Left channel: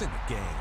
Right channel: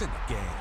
points in the game.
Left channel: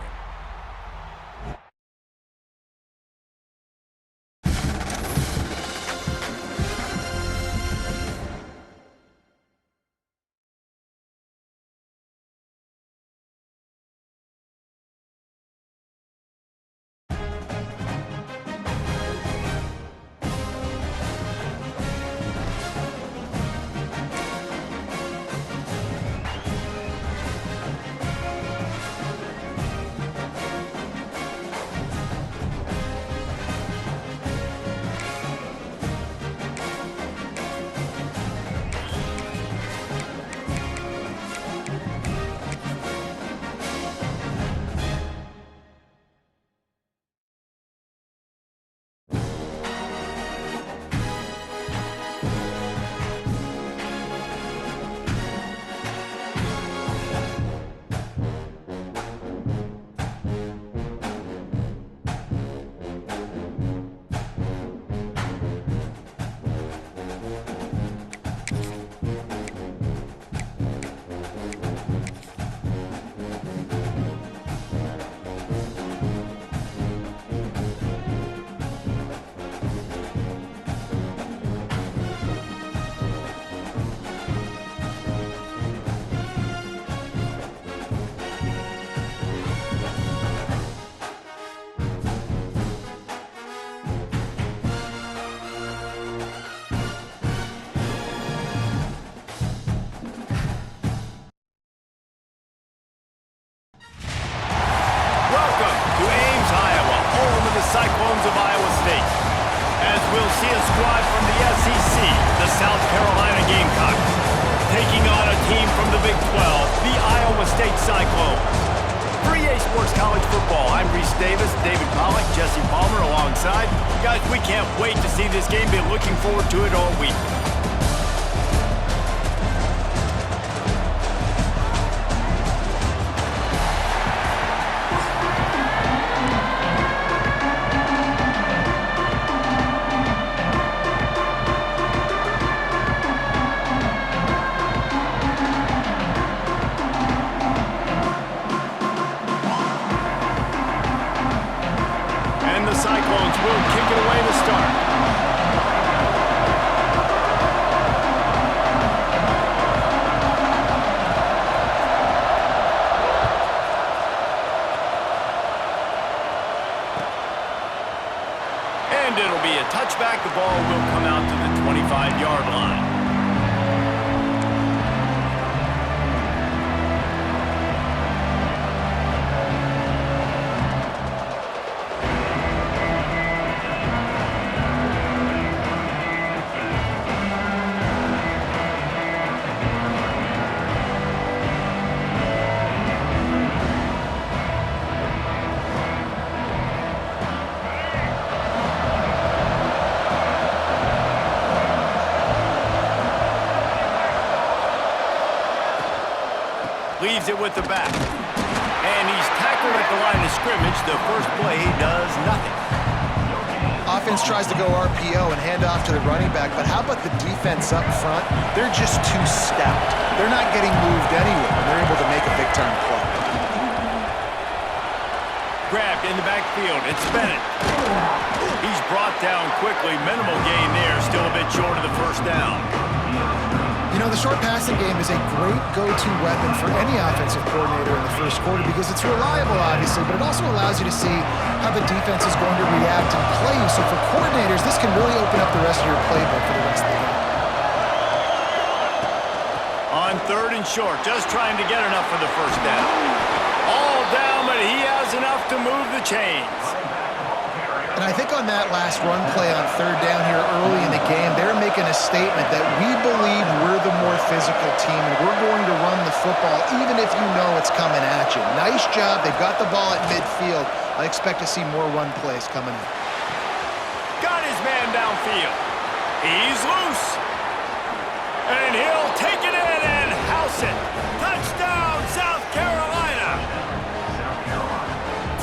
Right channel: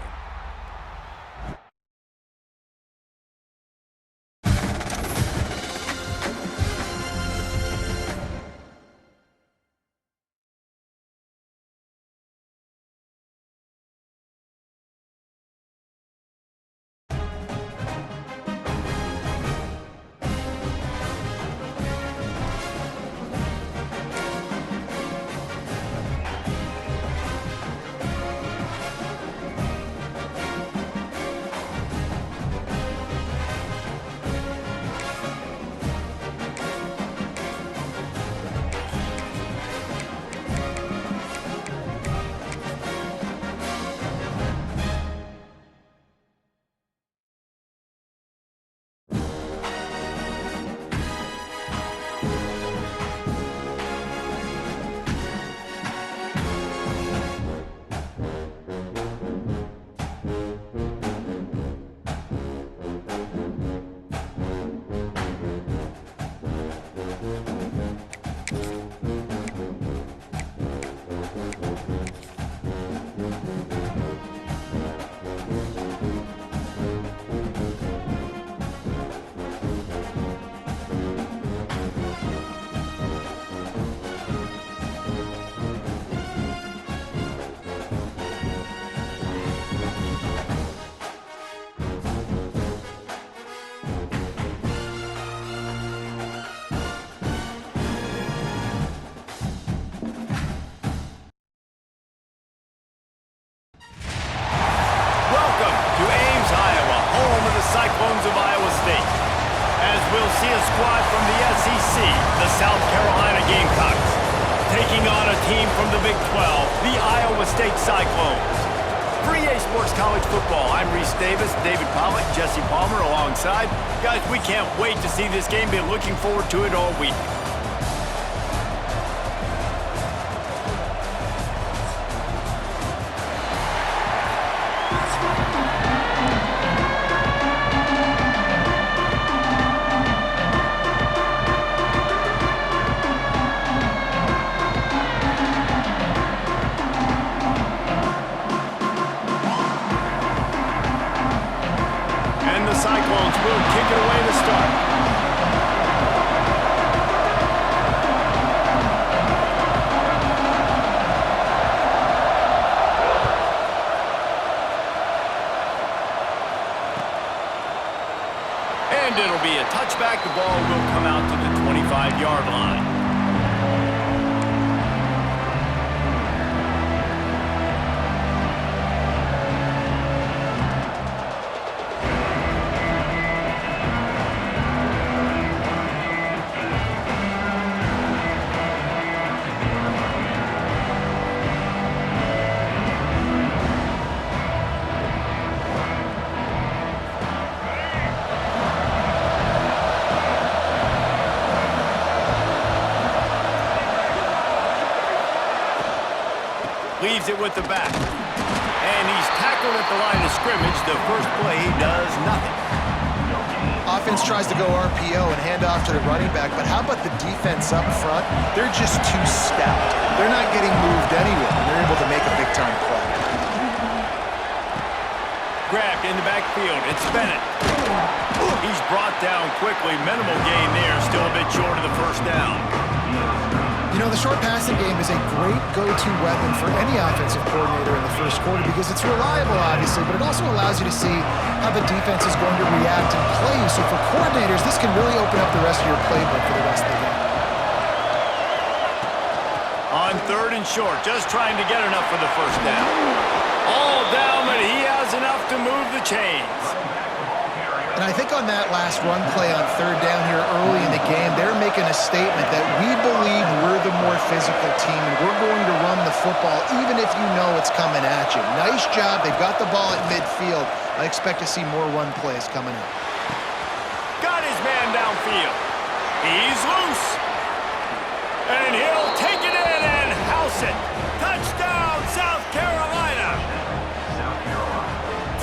Cyclones of Iowa State. As we'll see a squad from the SEC, the South Carolina Gamecocks, taking on a team from the Big 12, the Iowa State Cyclones. For EA Sports College Football, I'm Reese Davis, David Pollack, Jesse Palmer alongside. Guys, we can't wait to see this game. Been looking forward to it all week. Cyclones will kick it away to start. And it'll be a touchback. The ball will come out to the 25-yard line. Leaves it with the back. And he's tackled at the line of scrimmage. The first play, he does nothing. Offense tries to go RPO and hand off to the running back, but how about the defense up front? They're just too stout. They're not getting moved anywhere, and they're able to make a big-time play. Grabbed in the backfield. It's Bennett. He's brought down quickly. Minimal gain there. Still a bit short of the first down. You know, the short passing game is a great go-to weapon for any offensive coordinator in the first quarter because it's reliable, obviously, but it also allows you to see how the defense is going to react and play you. So for coordinators, this can really open up the rest of your playbook for the rest of the game. On third and short, just trying to get enough for the first down. All down, but he has enough to move the chains. And I think on that last run play on third down here early in the game, they're making a statement that we believe we're the more physical team and we're going to run the football even if you know it's coming at you. Nice job. They've got the ball at midfield. I expect to see more run plays coming up. Got his man downfield. He's loose. And he'll take it in and house it. Touchdown, South Carolina.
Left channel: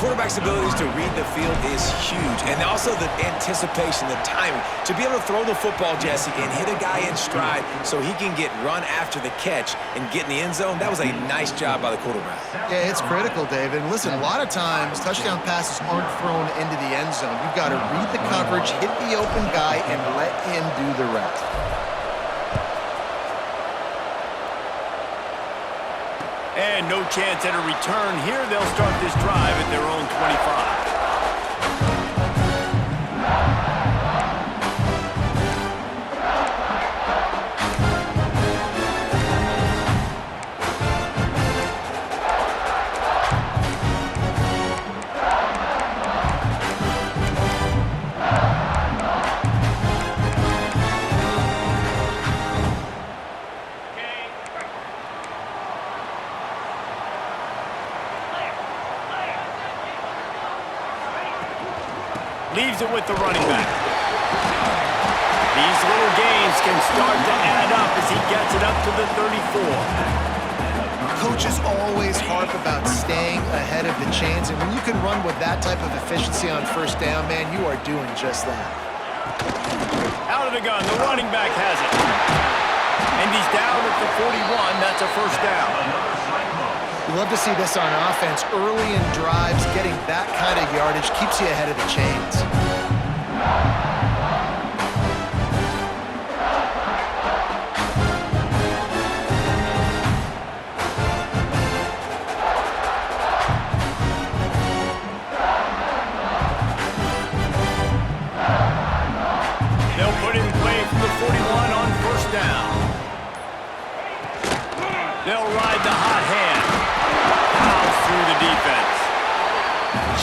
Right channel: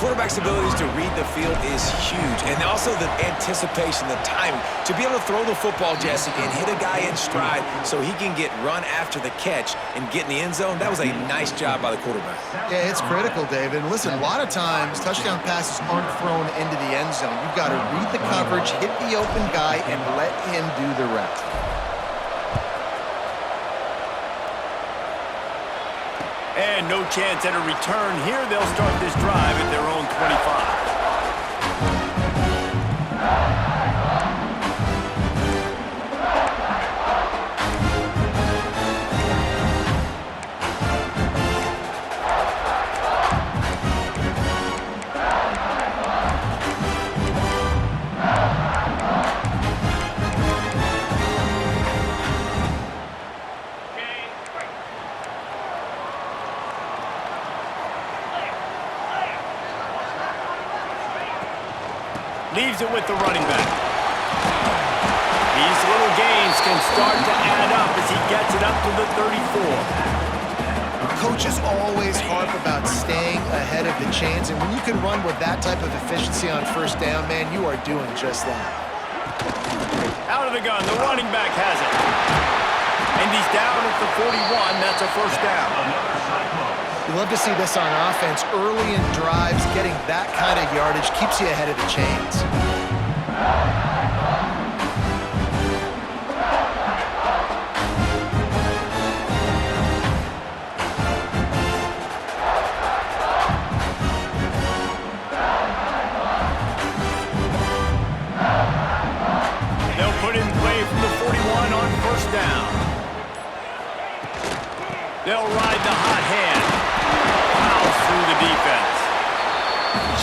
Quarterback quarterback's abilities to read the field is huge, and also the anticipation, the timing. To be able to throw the football, Jesse, and hit a guy in stride so he can get run after the catch and get in the end zone, that was a nice job by the quarterback. Yeah, it's critical, David. And listen, a lot of times touchdown passes aren't thrown into the end zone. You've got to read the coverage, hit the open guy, and let him do the rest. And no chance at a return here. They'll start this drive at their own 25. Leaves it with the running back. These little gains can start to add up as he gets it up to the 34. Coaches always harp about staying ahead of the chains, and when you can run with that type of efficiency on first down, man, you are doing just that. Out of the gun, the running back has it. And he's down at the 41. That's a first down. You love to see this on offense. Early in drives, getting that kind of yardage keeps you ahead of the chains. They'll put in play from the 41 on first down. They'll ride the hot hand. Plows through the defense.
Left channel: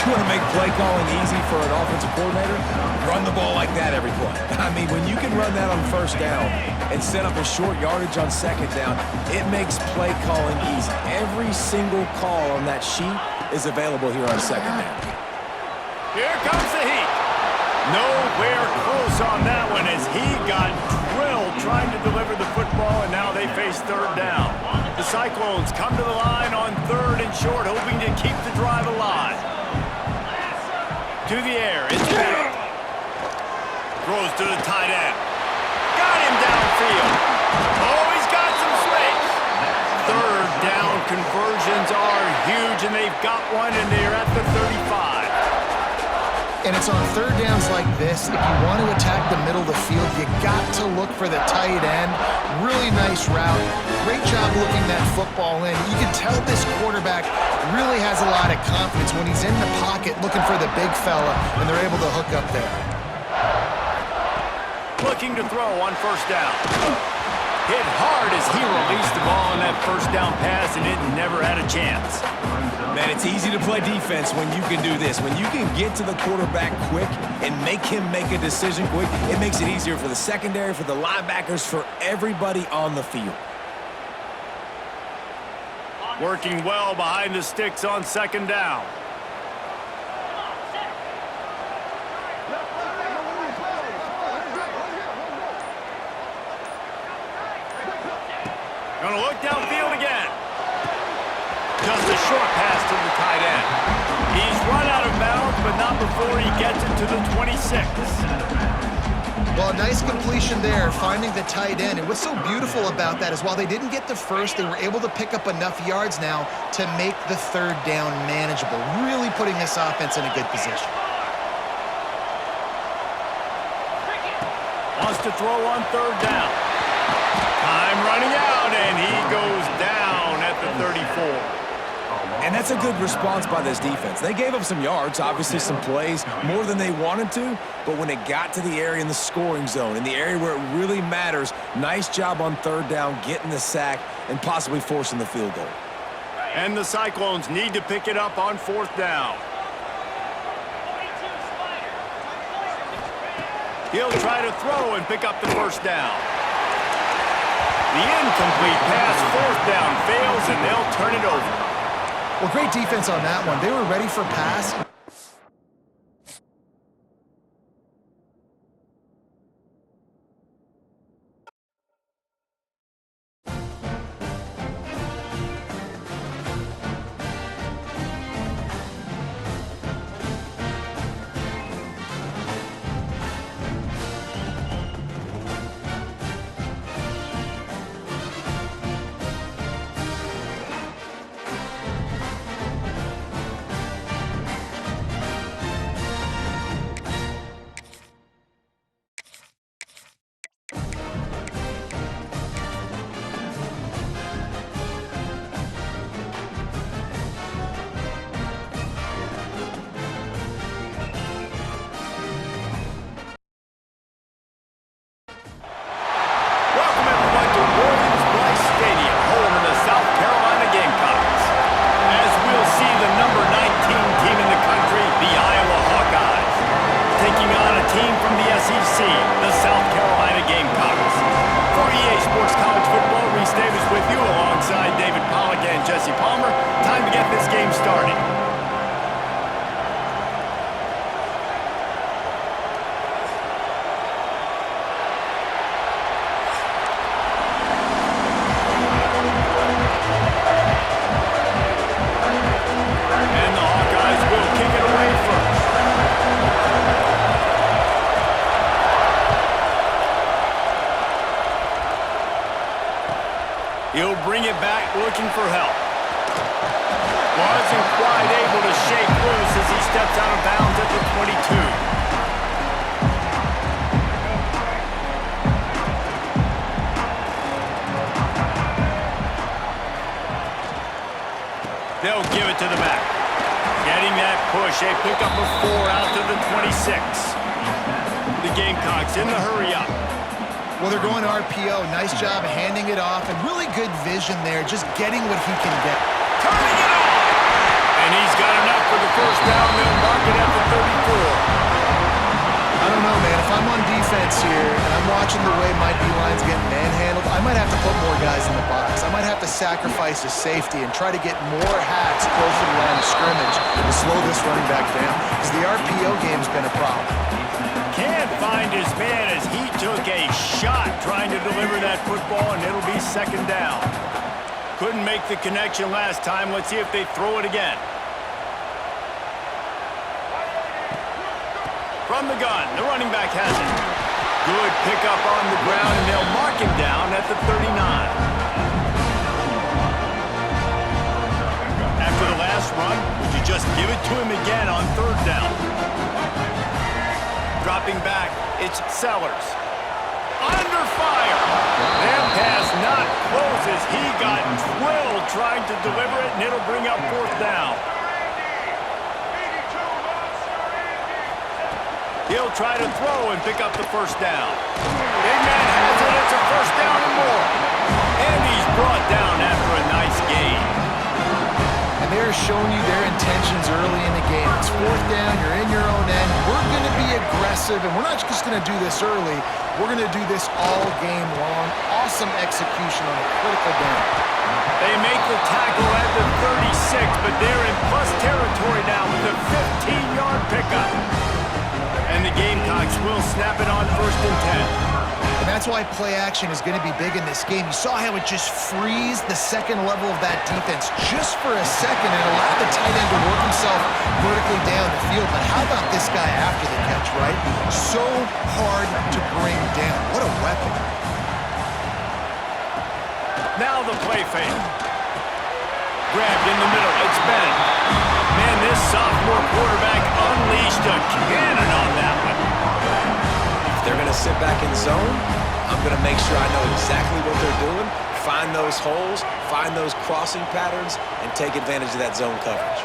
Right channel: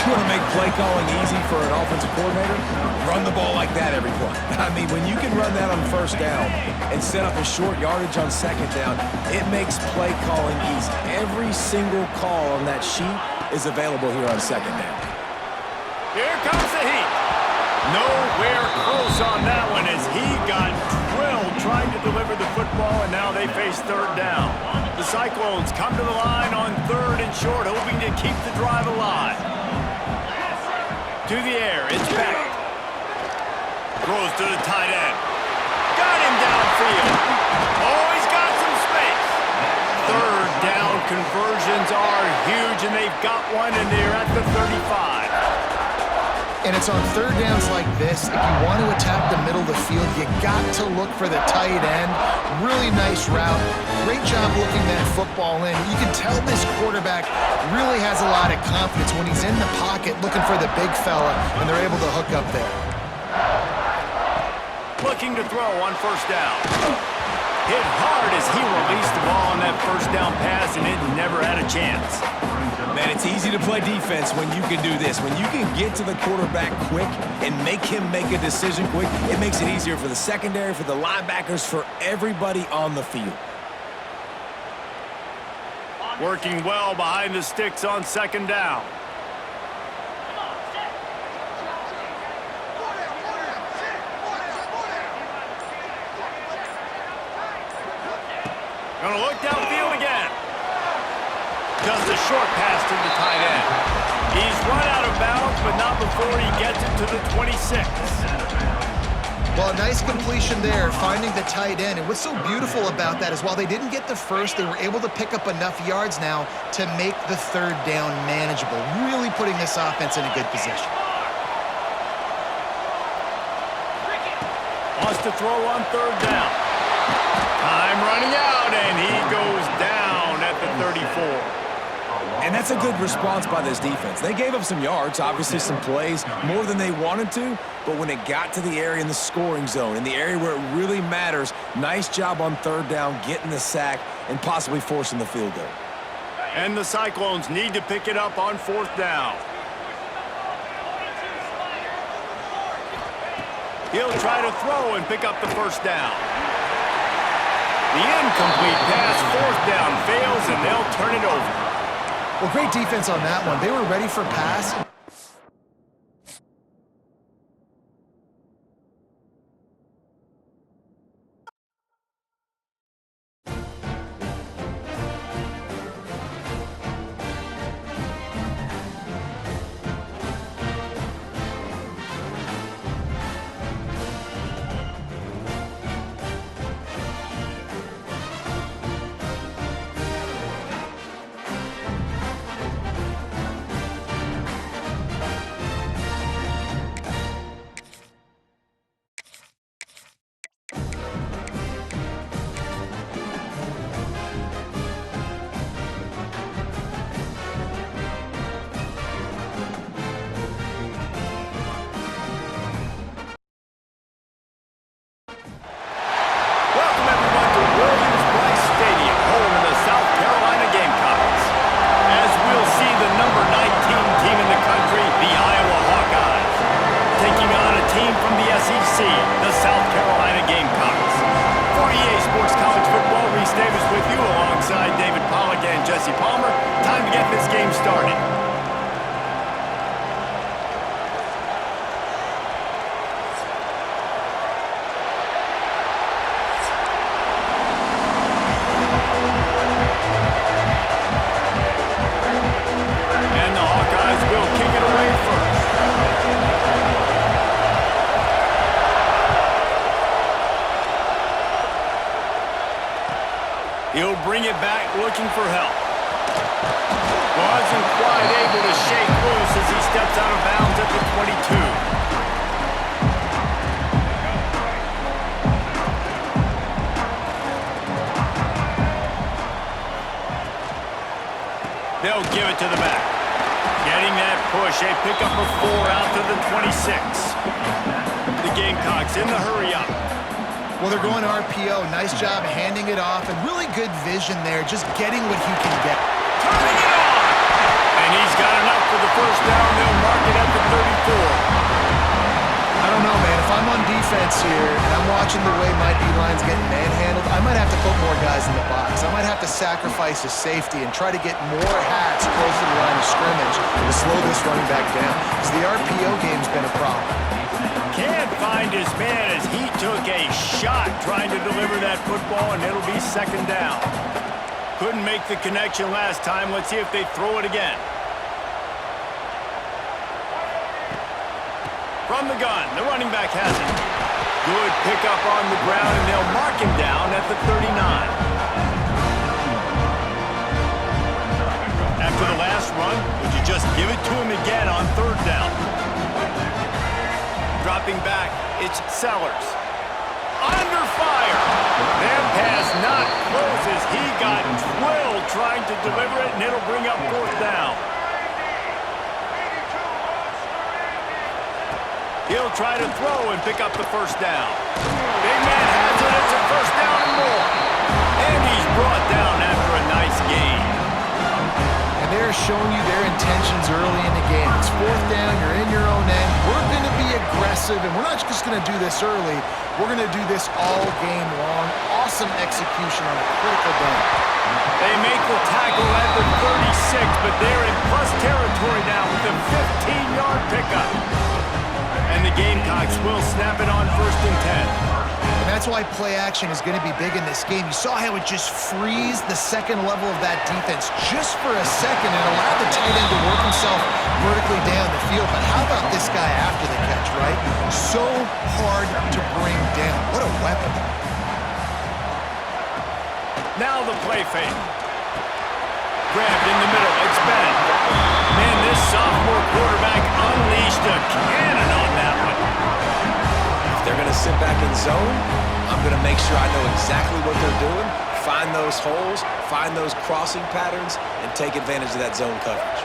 You want to make play calling easy for an offensive coordinator? Run the ball like that every play. I mean, when you can run that on first down and set up a short yardage on second down, it makes play calling easy. Every single call on that sheet is available here on second down. Here comes the heat. Nowhere close on that one as he got drilled trying to deliver the football, and now they face third down. The Cyclones come to the line on third and short, hoping to keep the drive alive. To the air, it's back. Throws to the tight end. Got him downfield. Oh, he's got some space. Third down conversions are huge, and they've got one, and they're at the 35. And it's on third downs like this. If you want to attack the middle of the field, you got to look for the tight end. Really nice route. Great job looking that football in. You can tell this quarterback really has a lot of confidence when he's in the pocket looking for the big fella, and they're able to hook up there. Looking to throw on first down. Hit hard as he released the ball on that first down pass, and it never had a chance. Man, it's easy to play defense when you can do this. When you can get to the quarterback quick and make him make a decision quick, it makes it easier for the secondary, for the linebackers, for everybody on the field. Working well behind the sticks on second down. Gonna look downfield again. Just a short pass to the tight end. He's run out of bounds, but not before he gets it to the 26. Well, a nice completion there, finding the tight end. And what's so beautiful about that is while they didn't get the first, they were able to pick up enough yards now to make the third down manageable, really putting this offense in a good position. Wants to throw on third down. Time running out, and he goes down at the 34. And that's a good response by this defense. They gave up some yards, obviously some plays, more than they wanted to, but when it got to the area in the scoring zone, in the area where it really matters, nice job on third down, getting the sack, and possibly forcing the field goal. And the Cyclones need to pick it up on fourth down. He'll try to throw and pick up the first down. The incomplete pass, fourth down, fails, and they'll turn it over. Well, great defense on that one. They were ready for pass. to Williams-Brice Stadium, home of the South Carolina Gamecocks. As we'll see the number 19 team in the country, the Iowa Hawkeyes, taking on a team from the SEC, the South Carolina Gamecocks. For EA Sports College Football, Reese Davis with you alongside David Pollack and Jesse Palmer. Time to get this game started. He'll bring it back looking for help. Wasn't quite able to shake loose as he steps out of bounds at the 22. They'll give it to the back. Getting that push, a pickup of 4 out to the 26. The Gamecocks in the hurry up. Well, they're going RPO. Nice job handing it off, and really good vision there, just getting what he can get. Turning it on! And he's got enough for the first down. They'll mark it at the 34. I don't know, man. If I'm on defense here and I'm watching the way my D-line's getting manhandled, I might have to put more guys in the box. I might have to sacrifice his safety and try to get more hats close to the line of scrimmage to slow this running back down, because the RPO game's been a problem. Can't find his man as he took a shot trying to deliver that football, and it'll be second down. Couldn't make the connection last time. Let's see if they throw it again. From the gun, the running back has it. Good pickup on the ground, and they'll mark him down at the 39. After the last run, would you just give it to him again on third down? Dropping back, it's Sellers. Under fire. That pass not close as he got drilled trying to deliver it, and it'll bring up fourth down. He'll try to throw and pick up the first down. Big man has it. It's a first down and more. And he's brought down after a nice gain. And they're showing you their intentions early in the game. It's fourth down, you're in your own end. We're going to be aggressive, and we're not just going to do this early. We're going to do this all game long. Awesome execution on a critical down. They make the tackle at the 36, but they're in plus territory now with a 15-yard pickup. And the Gamecocks will snap it on first and 10. And that's why play action is going to be big in this game. You saw how it just frees the second level of that defense just for a second and allowed the tight end to work himself vertically down the field. But how about this guy after the catch, right? So hard to bring down. What a weapon. Now the play fake. Grabbed in the middle. It's Bennett. Man, this sophomore quarterback unleashed a cannon on that one. If they're going to sit back in zone, I'm going to make sure I know exactly what they're doing, find those holes, find those crossing patterns, and take advantage of that zone coverage.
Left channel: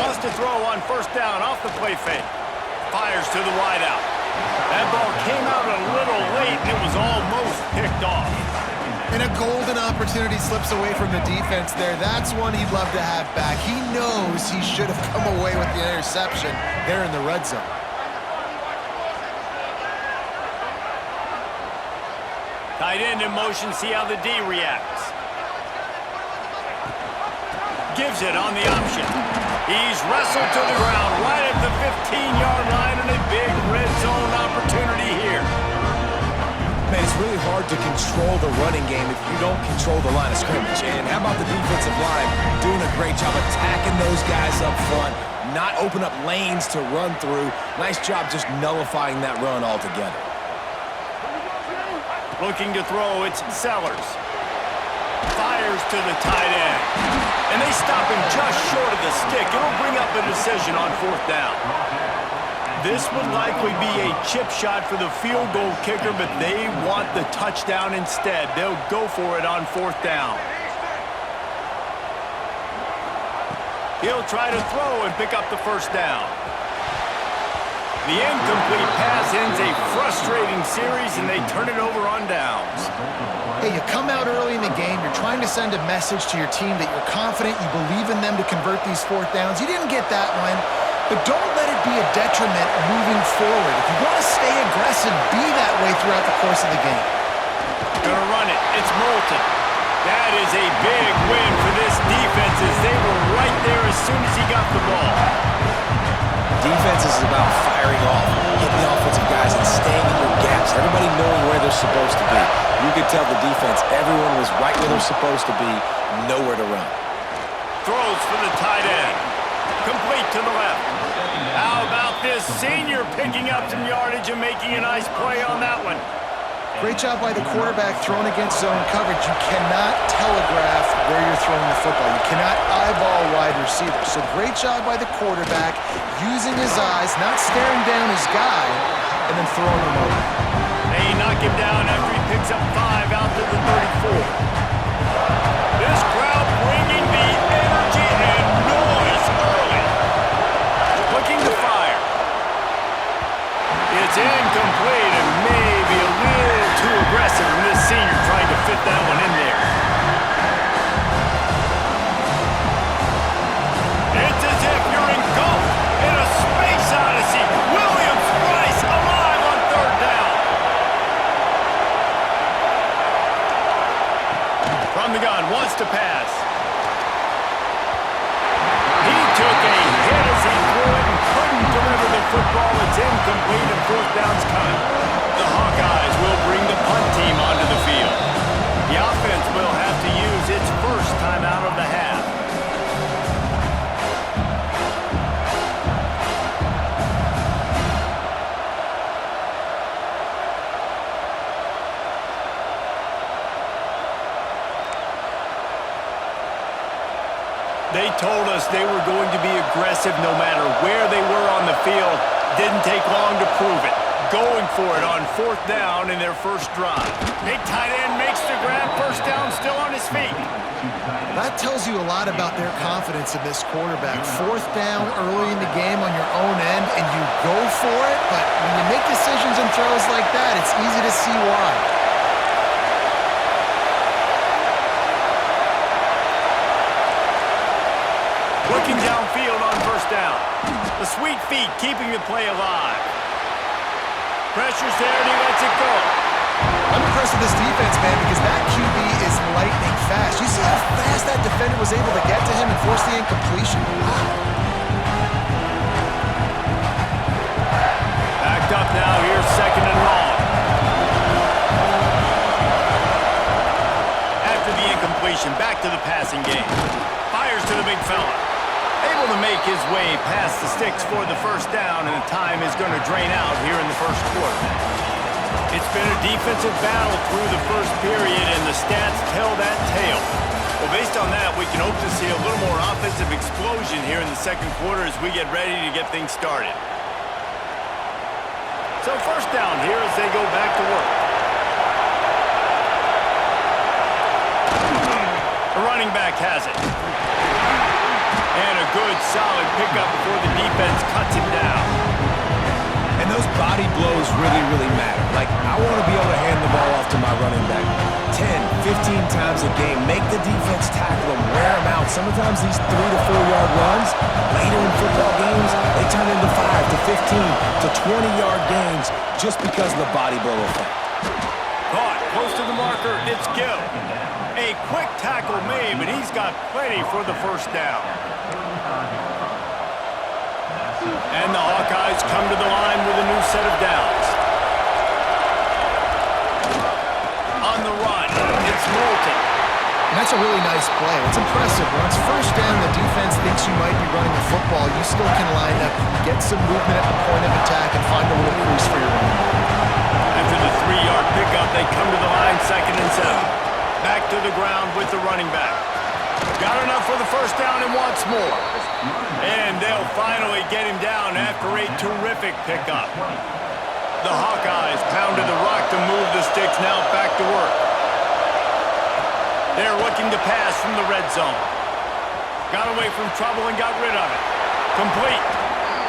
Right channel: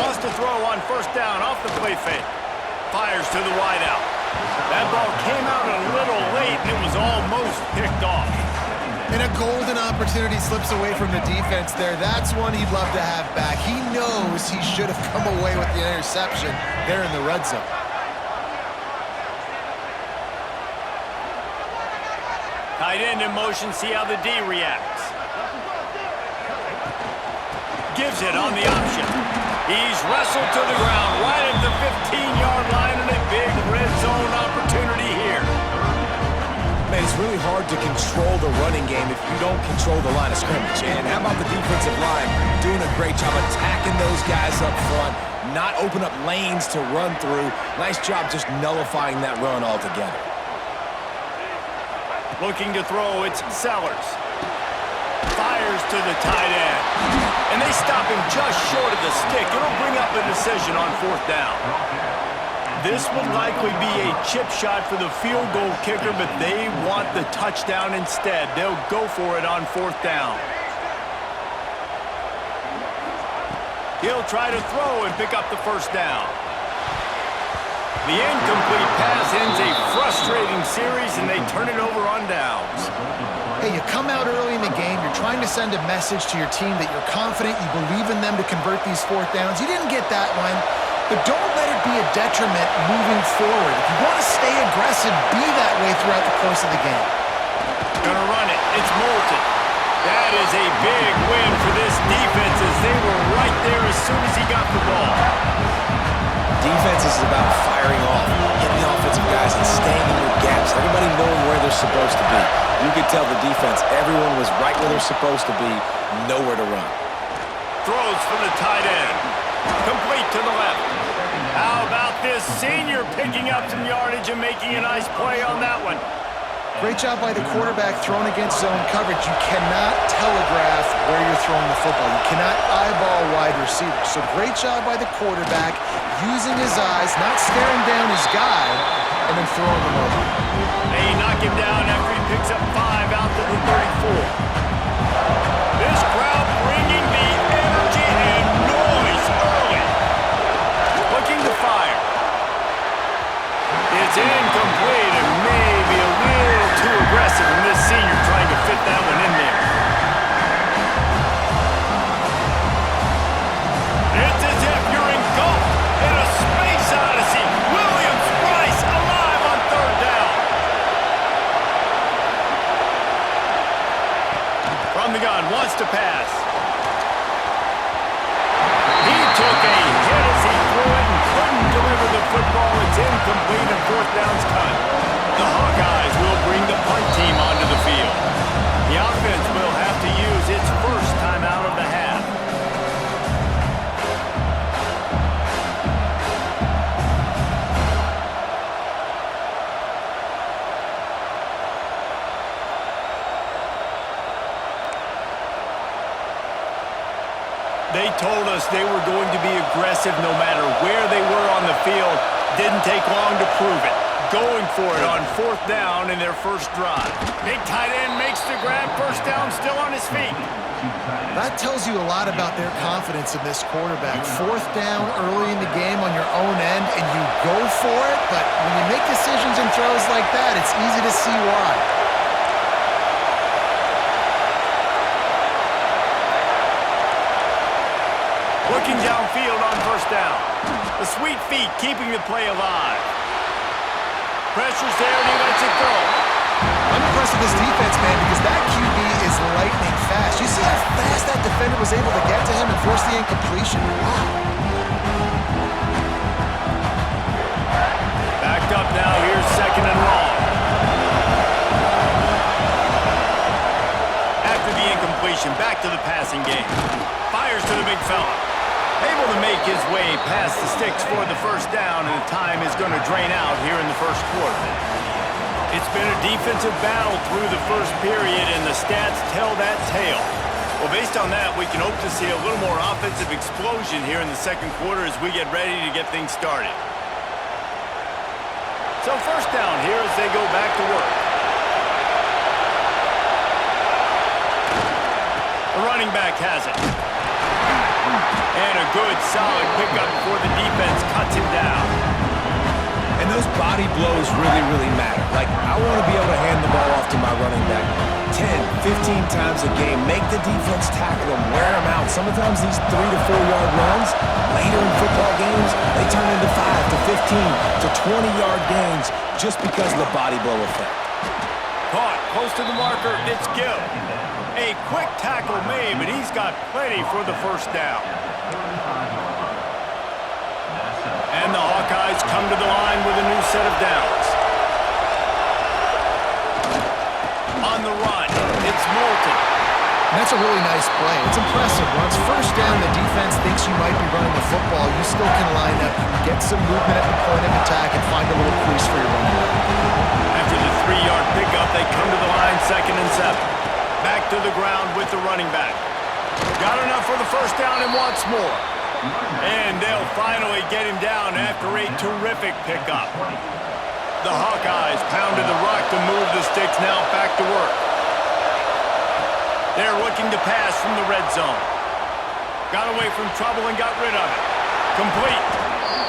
Wants to throw on first down off the play fake. Fires to the wideout. That ball came out a little late, and it was almost picked off. And a golden opportunity slips away from the defense there. That's one he'd love to have back. He knows he should have come away with the interception there in the red zone. Tight end in motion, see how the D reacts. Gives it on the option. He's wrestled to the ground right at the 15-yard line, and a big red zone opportunity here. Man, it's really hard to control the running game if you don't control the line of scrimmage. And how about the defensive line doing a great job attacking those guys up front, not open up lanes to run through. Nice job just nullifying that run altogether. Looking to throw, it's Sellers. Fires to the tight end. And they stop him just short of the stick. It'll bring up a decision on fourth down. This would likely be a chip shot for the field goal kicker, but they want the touchdown instead. They'll go for it on fourth down. He'll try to throw and pick up the first down. The incomplete pass ends a frustrating series, and they turn it over on downs. Hey, you come out early in the game, you're trying to send a message to your team that you're confident, you believe in them to convert these fourth downs. You didn't get that one, but don't let it be a detriment moving forward. If you want to stay aggressive, be that way throughout the course of the game. Gonna run it. It's Moulton. That is a big win for this defense as they were right there as soon as he got the ball. Defense is about firing off, hitting the offensive guys, and staying in your gaps. Everybody knowing where they're supposed to be. You could tell the defense, everyone was right where they're supposed to be, nowhere to run. Throws for the tight end. Complete to the left. How about this senior picking up some yardage and making a nice play on that one? Great job by the quarterback thrown against zone coverage. You cannot telegraph where you're throwing the football. You cannot eyeball wide receivers. So great job by the quarterback using his eyes, not staring down his guy, and then throwing him over. They knock him down after he picks up 5 out to the 34. This crowd bringing the energy and noise early. Looking to fire. It's incomplete and maybe a little too aggressive from this senior trying to fit that one in there. It's as if you're engulfed in a space odyssey. Williams-Brice alive on third down. From the gun, wants to pass. He took a hit as he threw it and couldn't deliver the football. It's incomplete and fourth down's cut. The Hawkeyes will bring the punt team onto the field. The offense will have to use its first time out of the half. They told us they were going to be aggressive no matter where they were on the field. Didn't take long to prove it. Going for it on fourth down in their first drive. Big tight end makes the grab. First down, still on his feet. That tells you a lot about their confidence in this quarterback. Fourth down early in the game on your own end, and you go for it, but when you make decisions and throws like that, it's easy to see why. Looking downfield on first down. The sweet feet keeping the play alive. Pressure's there and he lets it go. I'm impressed with this defense, man, because that QB is lightning fast. You see how fast that defender was able to get to him and force the incompletion? Wow. Backed up now. Here's second and long. After the incompletion, back to the passing game. Fires to the big fella. Able to make his way past the sticks for the first down, and the time is going to drain out here in the first quarter. It's been a defensive battle through the first period, and the stats tell that tale. Well, based on that, we can hope to see a little more offensive explosion here in the second quarter as we get ready to get things started. So first down here as they go back to work. The running back has it. And a good, solid pickup before the defense cuts him down. And those body blows really, really matter. Like, I want to be able to hand the ball off to my running back 10, 15 times a game. Make the defense tackle them, wear them out. Sometimes these 3 to 4 yard runs, later in football games, they turn into 5 to 15 to 20-yard gains just because of the body blow effect. Caught, close to the marker, it's Gill. A quick tackle made, but he's got plenty for the first down. And the Hawkeyes come to the line with a new set of downs. On the run, it's Moulton. And that's a really nice play. It's impressive. Once first down, the defense thinks you might be running the football. You still can line up. You can get some movement at the point of attack and find a little crease for your running back. After the 3-yard pickup, they come to the line, 2nd and 7. Back to the ground with the running back. Got enough for the first down and wants more. And they'll finally get him down after a terrific pickup. The Hawkeyes pounded the rock to move the sticks, now back to work. They're looking to pass from the red zone. Got away from trouble and got rid of it. Complete.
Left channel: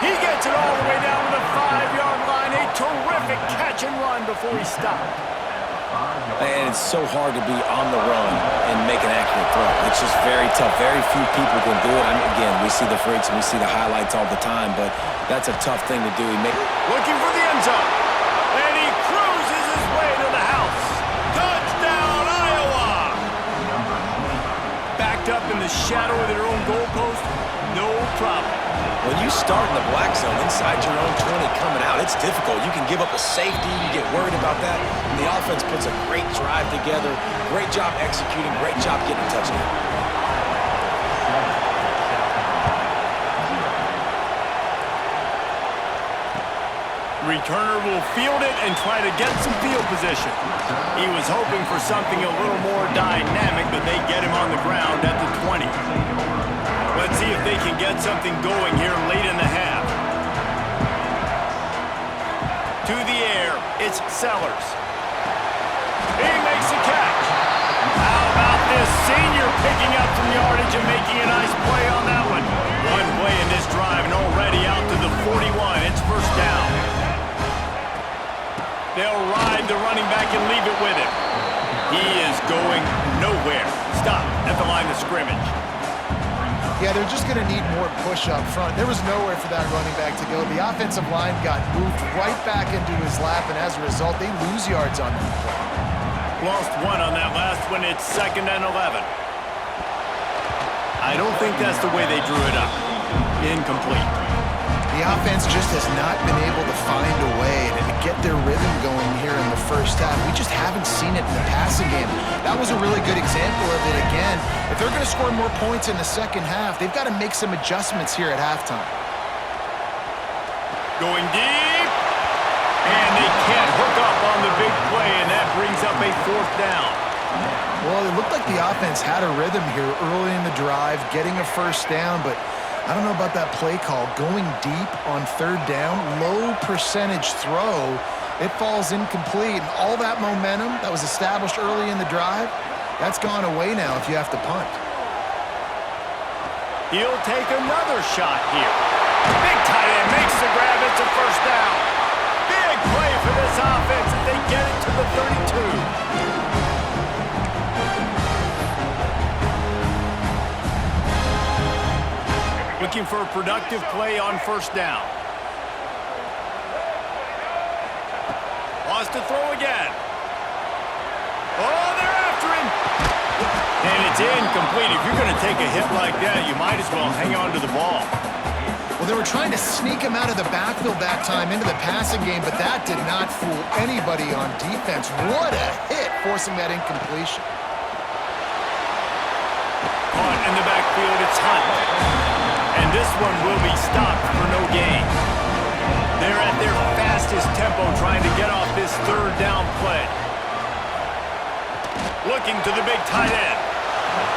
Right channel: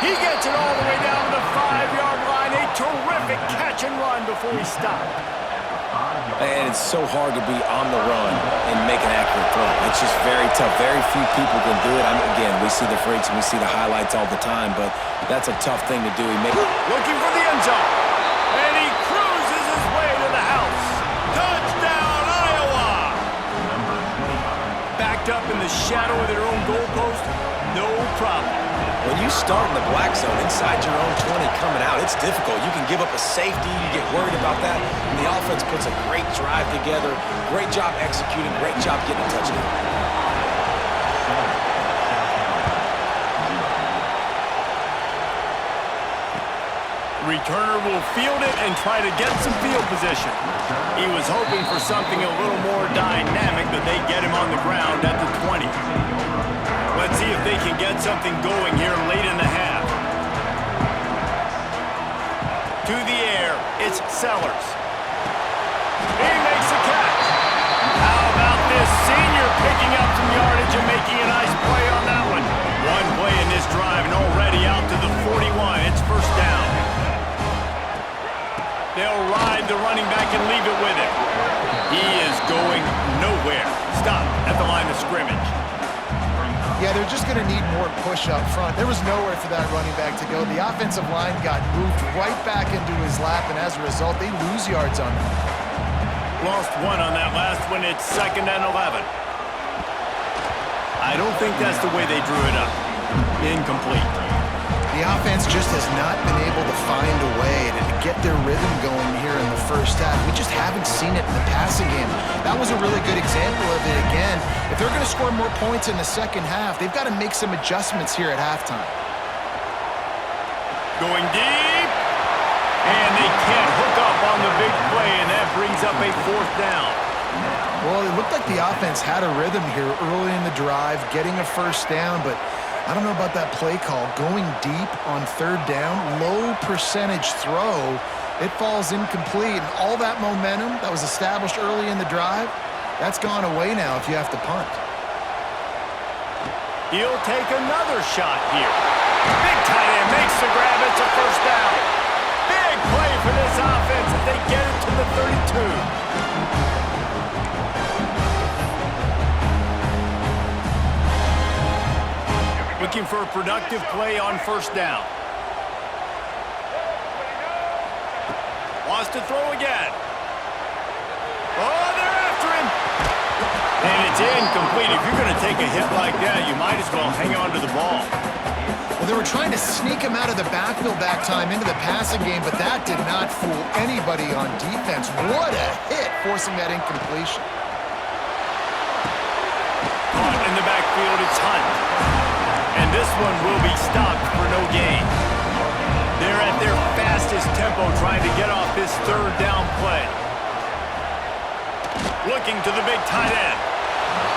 He gets it all the way down to the 5-yard line. A terrific catch and run before he stopped. And it's so hard to be on the run and make an accurate throw. It's just very tough. Very few people can do it. I mean, again, we see the freaks and we see the highlights all the time, but that's a tough thing to do. Looking for the end zone. And he cruises his way to the house. Touchdown, Iowa! Backed up in the shadow of their own goalpost, no problem. When you start in the black zone inside your own 20 coming out, it's difficult. You can give up a safety. You get worried about that. And the offense puts a great drive together. Great job executing. Great job getting a touchdown. Returner will field it and try to get some field position. He was hoping for something a little more dynamic, but they get him on the ground at the 20. Let's see if they can get something going here late in the half. To the air, it's Sellers. He makes a catch. How about this senior picking up some yardage and making a nice play on that one? One play in this drive and already out to the 41. It's first down. They'll ride the running back and leave it with him. He is going nowhere. Stop at the line of scrimmage. Yeah, they're just going to need more push up front. There was nowhere for that running back to go. The offensive line got moved right back into his lap, and as a result, they lose yards on that play. Lost one on that last one. It's 2nd and 11. I don't think that's the way they drew it up. Incomplete. The offense just has not been able to find a way to get their rhythm going here in the first half. We just haven't seen it in the passing game. That was a really good example of it again. If they're going to score more points in the second half, they've got to make some adjustments here at halftime. Going deep. And they can't hook up on the big play, and that brings up a 4th down. Well, it looked like the offense had a rhythm here early in the drive, getting a first down, but I don't know about that play call. Going deep on 3rd down, low percentage throw, it falls incomplete. And all that momentum that was established early in the drive, that's gone away now if you have to punt. He'll take another shot here. Big tight end makes the grab. It's a first down. Big play for this offense as they get it to the 32. Looking for a productive play on first down. Wants to throw again. Oh, they're after him. And it's incomplete. If you're going to take a hit like that, you might as well hang on to the ball. Well, they were trying to sneak him out of the backfield that time into the passing game, but that did not fool anybody on defense. What a hit, forcing that incompletion. Caught in the backfield, it's Hunt. And this one will be stopped for no gain. They're at their fastest tempo trying to get off this 3rd down play. Looking to the big tight end.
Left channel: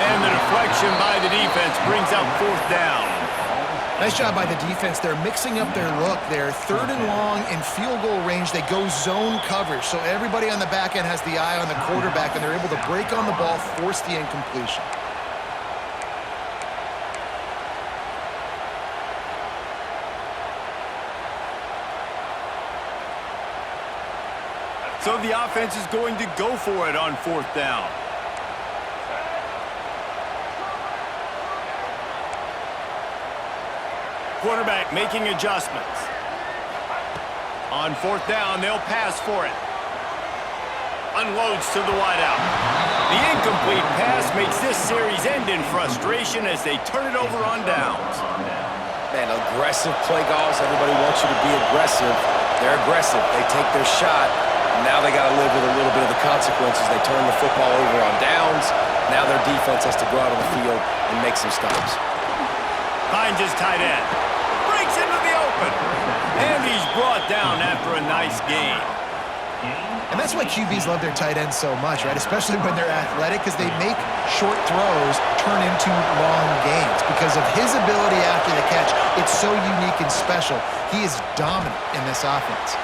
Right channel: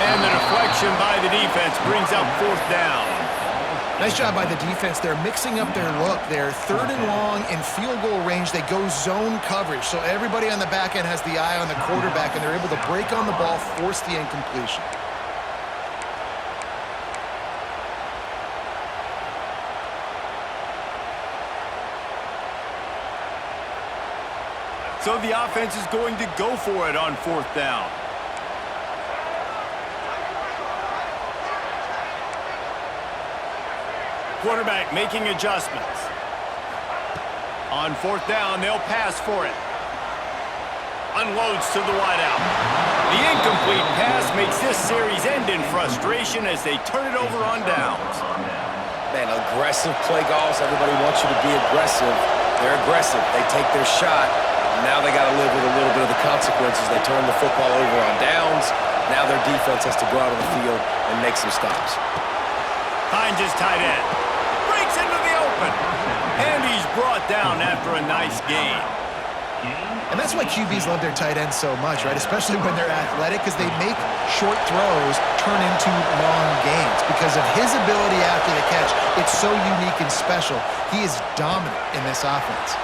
And the deflection by the defense brings up 4th down. Nice job by the defense. They're mixing up their look. They're 3rd and long in field goal range. They go zone coverage. So everybody on the back end has the eye on the quarterback, and they're able to break on the ball, force the incompletion. So the offense is going to go for it on 4th down. Quarterback making adjustments. On 4th down, they'll pass for it. Unloads to the wideout. The incomplete pass makes this series end in frustration as they turn it over on downs. Man, aggressive play calls. Everybody wants you to be aggressive. They're aggressive. They take their shot. Now they got to live with a little bit of the consequences. They turn the football over on downs. Now their defense has to go out on the field and make some stops. Finds his tight end. Breaks into the open. And he's brought down after a nice gain. And that's why QBs love their tight ends so much, right? Especially when they're athletic, because they make short throws turn into long gains. Because of his ability after the catch, it's so unique and special. He is dominant in this offense.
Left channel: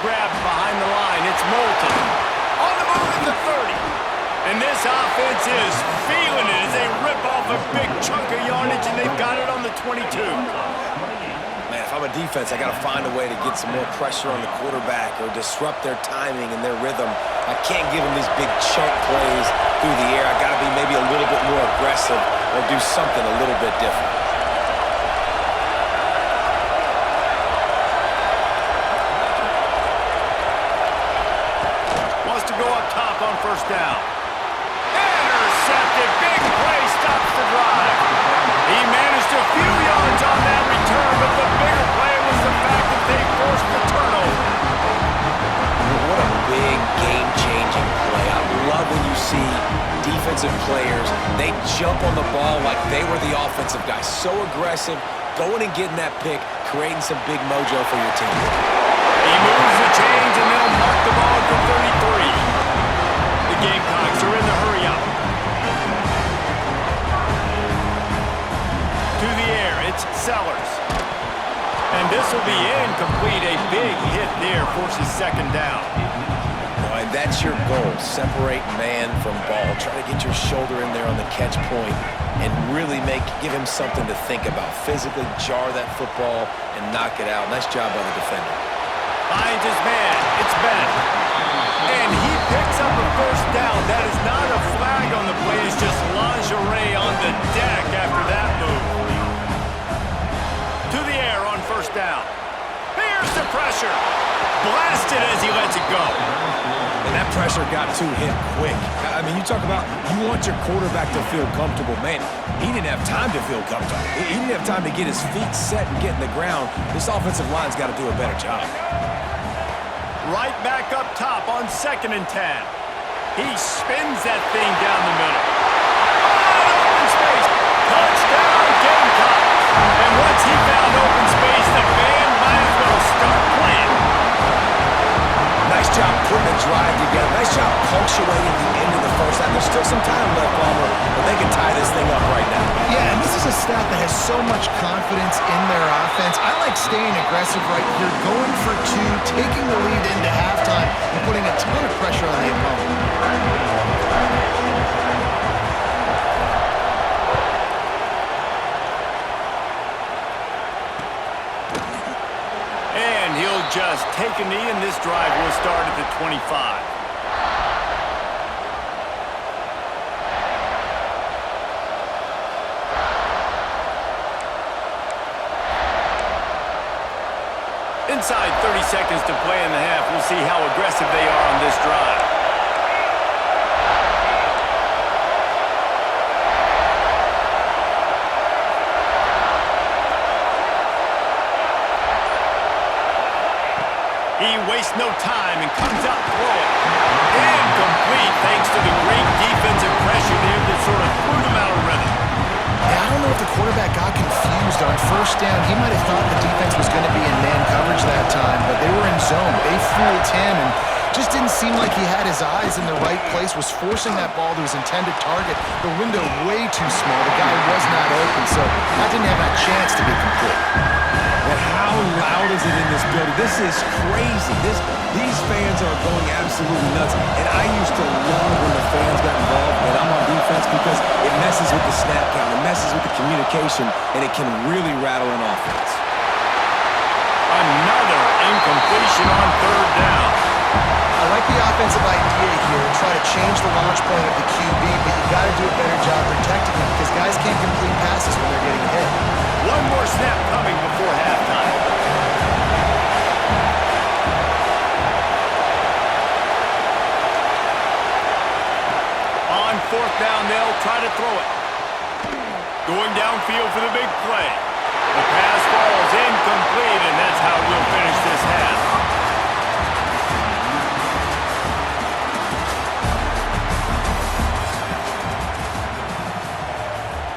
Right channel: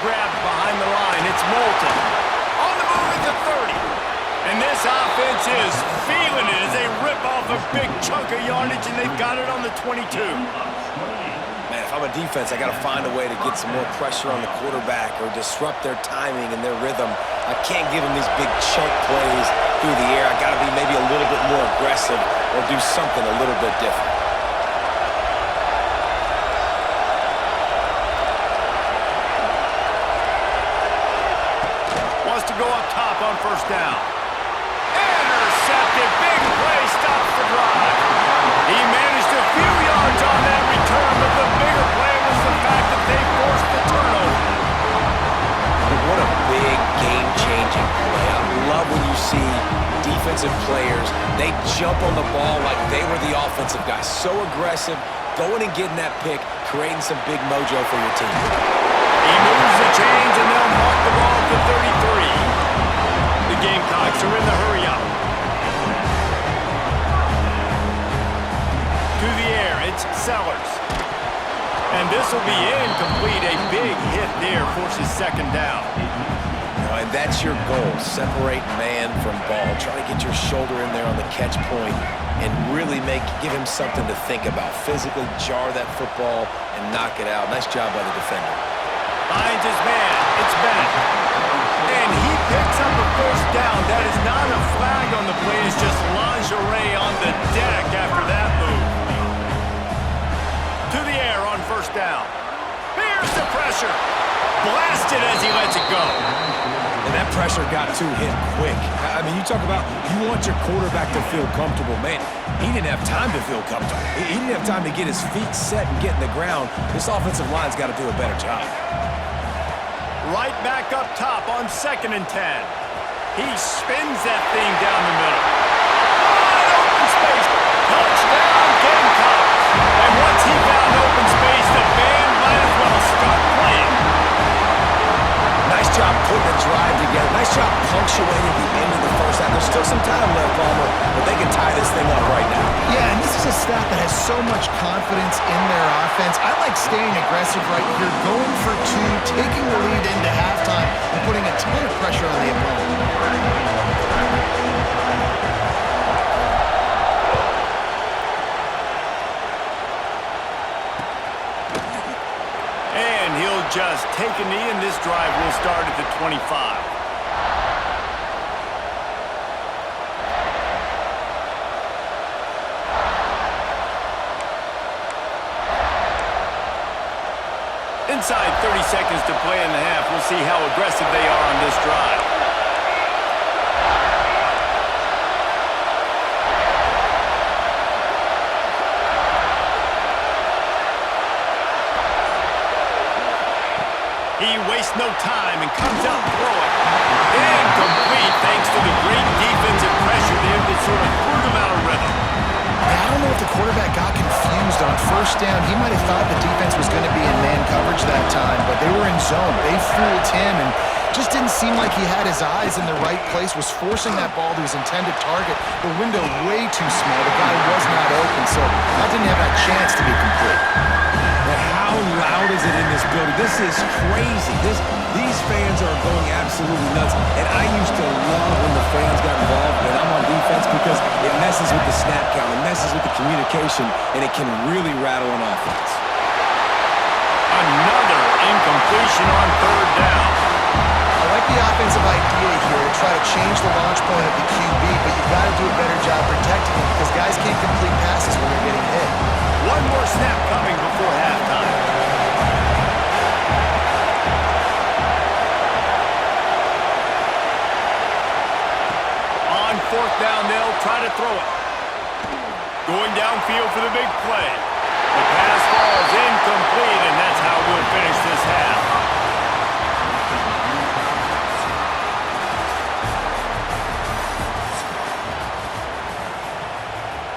Grabbed behind the line. It's Moulton. On the move at the 30. And this offense is feeling it as they rip off a big chunk of yardage, and they've got it on the 22. Man, if I'm a defense, I got to find a way to get some more pressure on the quarterback or disrupt their timing and their rhythm. I can't give them these big chunk plays through the air. I got to be maybe a little bit more aggressive or do something a little bit different. Wants to go up top on first down. Intercepted. Big play stops the drive. He managed a few yards on that return, but the bigger play was the fact that they forced the turnover. What a big game-changing play. I love when you see defensive players, they jump on the ball like they were the offensive guy. So aggressive, going and getting that pick, creating some big mojo for your team. He moves the chains, and they'll mark the ball at the 33. The Gamecocks are in the hurry-up. To the air, it's Sellers. And this will be incomplete. A big hit there forces second down. And that's your goal. Separate man from ball. Try to get your shoulder in there on the catch point and really give him something to think about. Physically jar that football and knock it out. Nice job by the defender. Finds his man. It's Bennett. And he picks up a first down. That is not a flag on the play. It's just lingerie on the deck after that move. To the air on first down. Here's the pressure. Blasted as he lets it go. And that pressure got to him quick. I mean, you talk about you want your quarterback to feel comfortable. Man, he didn't have time to feel comfortable. He didn't have time to get his feet set and get in the ground. This offensive line's got to do a better job. Right back up top on 2nd and 10. He spins that thing down the middle. Wide open space. Touchdown, Gamecocks. And once he found open space, the band might as well start playing. Nice job putting the drive together. Nice job punctuating the end of the first half. There's still some time left, Palmer, but they can tie this thing up right now. Yeah, and this is a staff that has so much confidence in their offense. I like staying aggressive right here, going for two, taking the lead into halftime, and putting a ton of pressure on the opponent. And he'll just take a knee, and this drive will start at the 25. Inside 30 seconds to play in the half. We'll see how aggressive they are on this drive. He wastes no time and comes out throwing. Incomplete thanks to the great defensive pressure there that sort of threw them out of rhythm. Yeah, I don't know if the quarterback got confused on first down. He might have thought the defense was going to be in man coverage that time, but they were in zone. They fooled him and just didn't seem like he had his eyes in the right place, was forcing that ball to his intended target. The window way too small. The guy was not open, so that didn't have that chance to be complete. But how loud is it in this building? This is crazy. These fans are going absolutely nuts. And I used to love when the fans got involved when I'm on defense because it messes with the snap count, it messes with the communication, and it can really rattle an offense. Another incompletion on third down. I like the offensive idea here to try to change the launch point of the QB, but you got to do a better job protecting him because guys can't complete passes when they're getting hit. One more snap coming before halftime. On fourth down, they'll try to throw it. Going downfield for the big play. The pass falls incomplete, and that's how we'll finish this half.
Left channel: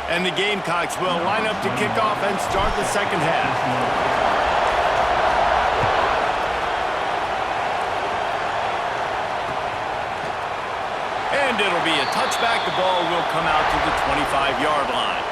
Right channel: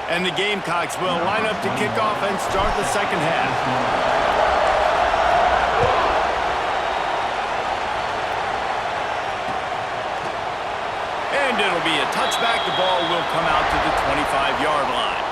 And the Gamecocks will line up to kick off and start the second half. And it'll be a touchback. The ball will come out to the 25-yard line.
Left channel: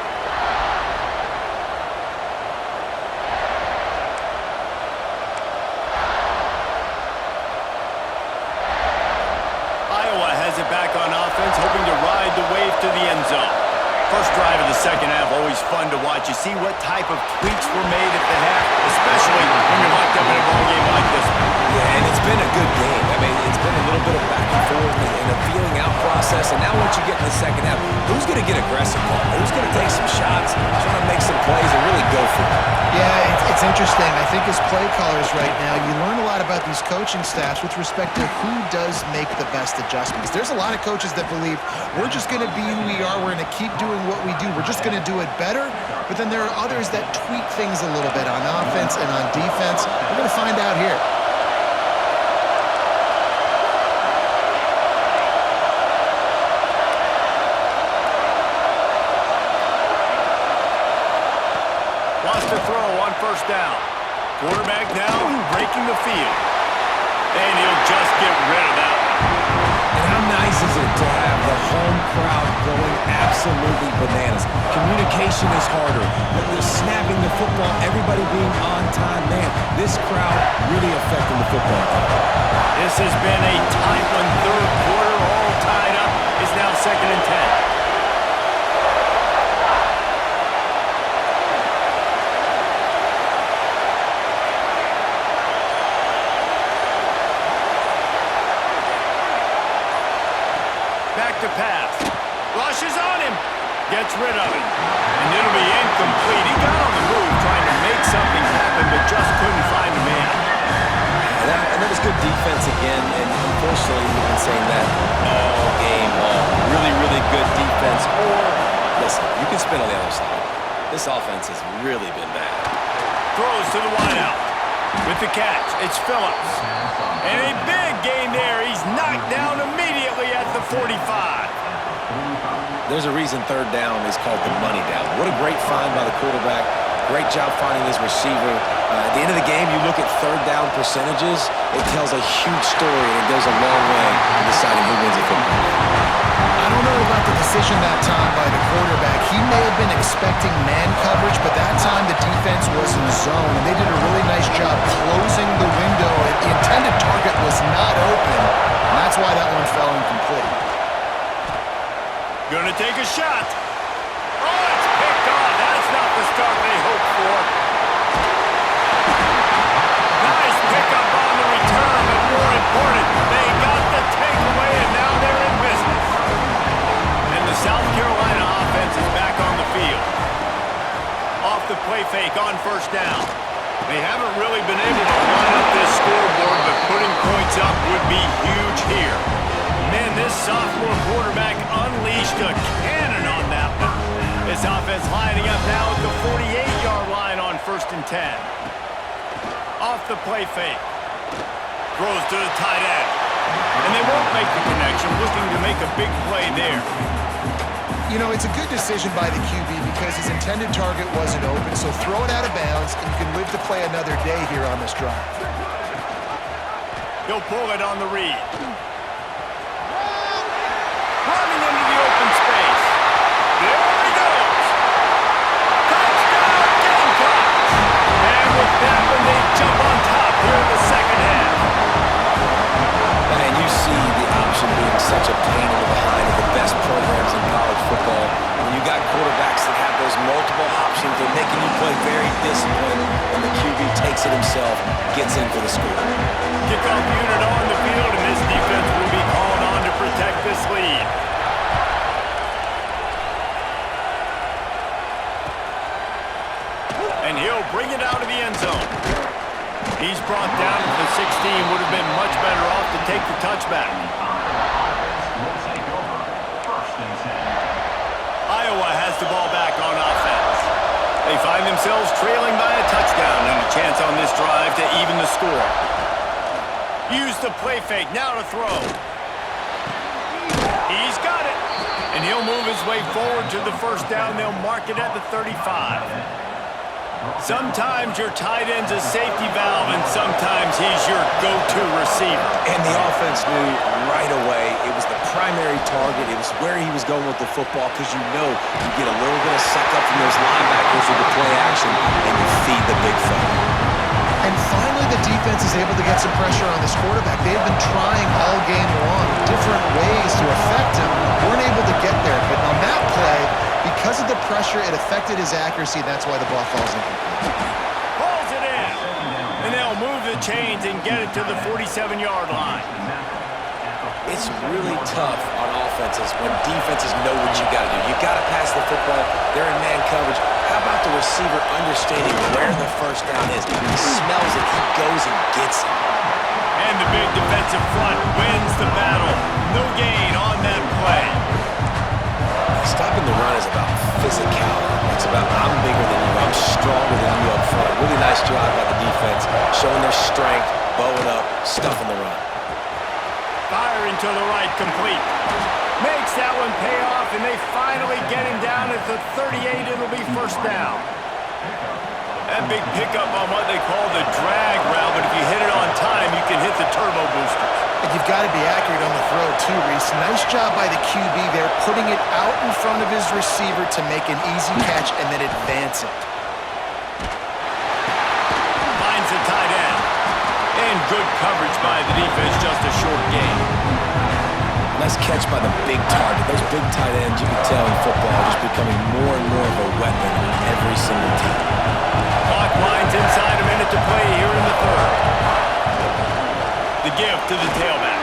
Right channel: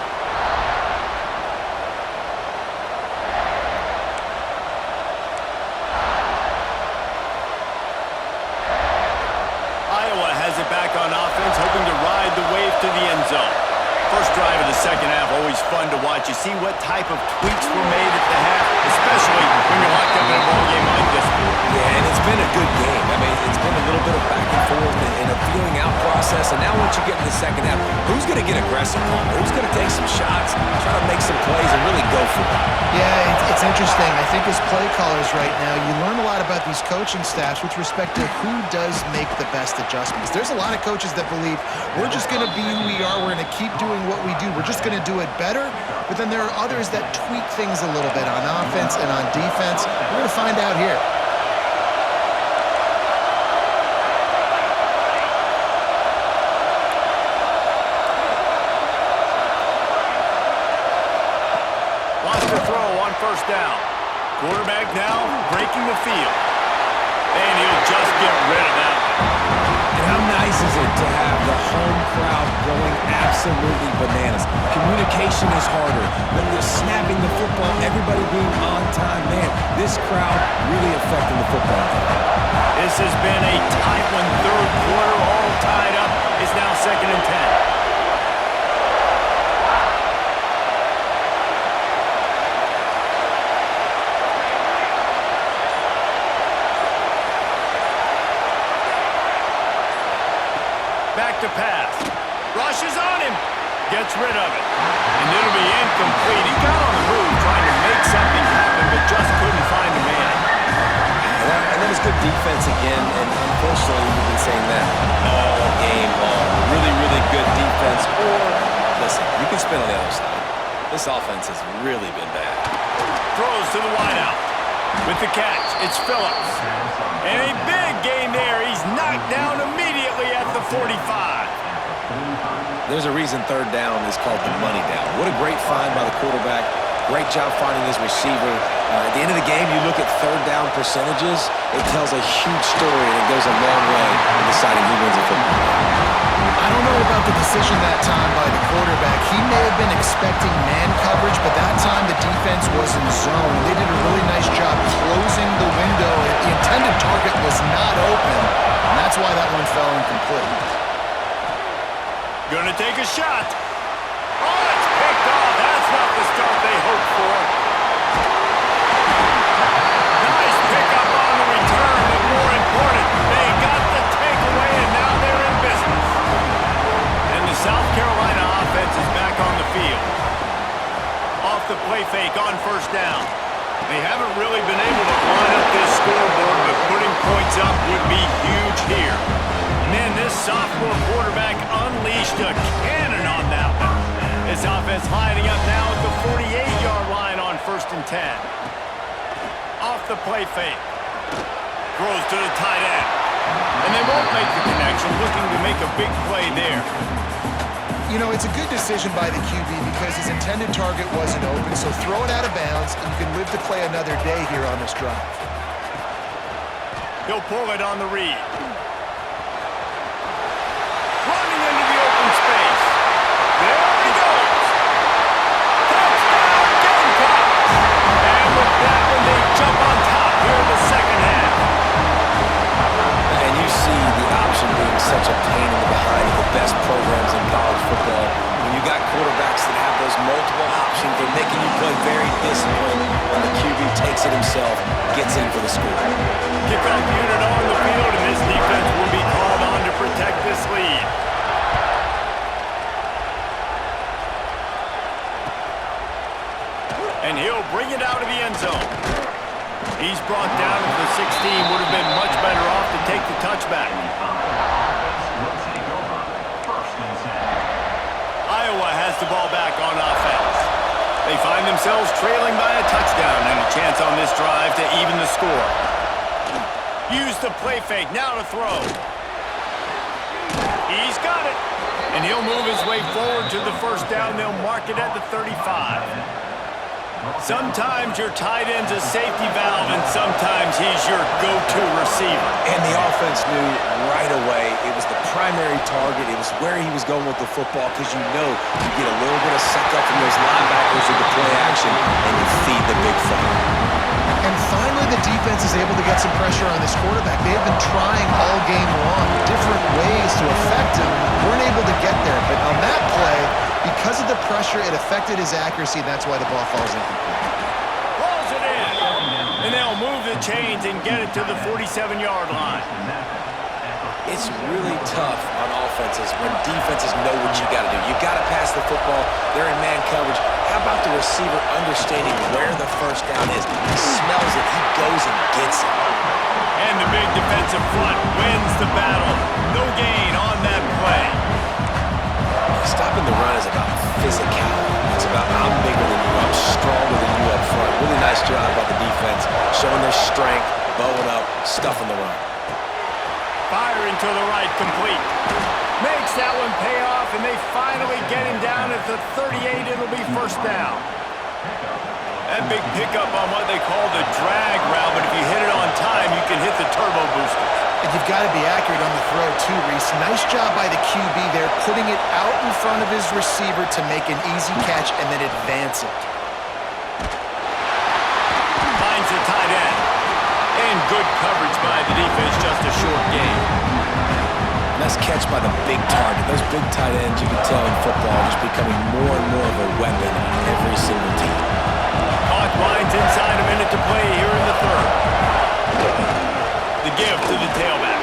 Iowa has it back on offense, hoping to ride the wave to the end zone. First drive of the second half, always fun to watch. You see what type of tweaks were made at the half, especially when you're locked up in a ball game like this one. Yeah, and it's been a good game. I mean, it's been a little bit of back and forth and a feeling out process. And now once you get in the second half, who's going to get aggressive, Paul? Who's going to take some shots, try to make some plays, and really go for it? Yeah, it's interesting. I think as play callers right now, you learn a lot about these coaching staffs with respect to who does make the best adjustments. There's a lot of coaches that believe we're just going to be who we are. We're going to keep doing what we do. We're just going to do it better. But then there are others that tweak things a little bit on offense and on defense. We're going to find out here. Wants to throw on first down. Quarterback now breaking the field. And he'll just get rid of that one. And how nice is it to have the home crowd going absolutely bananas? Communication is harder. The snapping the football, everybody being on time. Man, this crowd really affecting the football game. This has been a tight one. Third quarter, all tied up. It's now 2nd and 10. Back to pass. Rushes on him. Gets rid of it. And it'll be incomplete. He got on the move trying to make something happen, but just couldn't find a man. And that was good defense again, and unfortunately we've been saying that all game long. Really, really good defense. Or, listen, you can spin on the other side. This offense has really been bad. Throws to the wideout. With the catch, it's Phillips. And a big gain there. He's knocked down immediately at the 45. There's a reason third down is called the money down. What a great find by the quarterback. Great job finding his receiver. At the end of the game, you look at third down percentages, it tells a huge story, and it goes a long way in deciding who wins a football game. I don't know about the decision that time by the quarterback. He may have been expecting man coverage, but that time the defense was in zone, and they did a really nice job closing the window. The intended target was not open, and that's why that one fell incomplete. Gonna take a shot. Oh, it's picked off. That's not the start they hoped for. Nice pickup on the return, but more important, they got the takeaway, and now they're in business. And the South Carolina offense is back on the field. Off the play fake on first down. They haven't really been able to line up this scoreboard, but putting points up would be huge here. Man, this sophomore quarterback unleashed a cannon on that one. This offense lining up now at the 48-yard line on 1st and 10. Off the play fake. Throws to the tight end. And they won't make the connection, looking to make a big play there. You know, it's a good decision by the QB because his intended target wasn't open, so throw it out of bounds, and you can live to play another day here on this drive. He'll pull it on the read. Running into the open space. There he goes. Touchdown, Gamecocks. And with that one, they jump on top here in the second half. And you see the option being such a pain in the behind of the best programs in college football. When you got quarterbacks that have those multiple options, they're making you play very disciplined, and the QB takes it himself, gets in for the score. Kickoff unit on the field, and this defense will be called on to protect this lead. And he'll bring it out of the end zone. He's brought down at the 16. Would have been much better off to take the touchback. Iowa has the ball back on offense. They find themselves trailing by a touchdown and a chance on this drive to even the score. Use the play fake, now to throw. He's got it. And he'll move his way forward to the first down. They'll mark it at the 35. Sometimes your tight end's a safety valve, and sometimes he's your go-to receiver. And the offense knew right away it was the primary target. It was where he was going with the football, because you know you get a little bit of suck up from those linebackers with the play action, and you feed the big fella. And finally, the defense is able to get some pressure on this quarterback. They have been trying all game long, different ways to affect him. Weren't able to get there, but on that play, Because of the pressure, it affected his accuracy, and that's why the ball falls incomplete. Pulls it in. And they'll move the chains and get it to the 47-yard line. It's really tough on offenses when defenses know what you got to do. You got to pass the football. They're in man coverage. How about the receiver understanding where the first down is? He smells it. He goes and gets it. And the big defensive front wins the battle. No gain on that play. Stopping the run is about physicality. It's about I'm bigger than you. I'm stronger than you up front. Really nice job by the defense, showing their strength, bowing up, stuffing the run. Firing to the right, complete. Makes that one pay off, and they finally get him down at the 38. It'll be first down. That big pickup on what they call the drag route, but if you hit it on time, you can hit the turbo boosters. And you've got to be accurate on the throw, too, Reese. Nice job by the QB there, putting it out in front of his receiver to make an easy catch and then advance it. Finds the tight end. And good coverage by the defense, just a short gain. Nice catch by the big target. Those big tight ends, you can tell in football, are just becoming more and more of a weapon on every single team. Clock winds inside, a minute to play here in the third. The give to the tailback.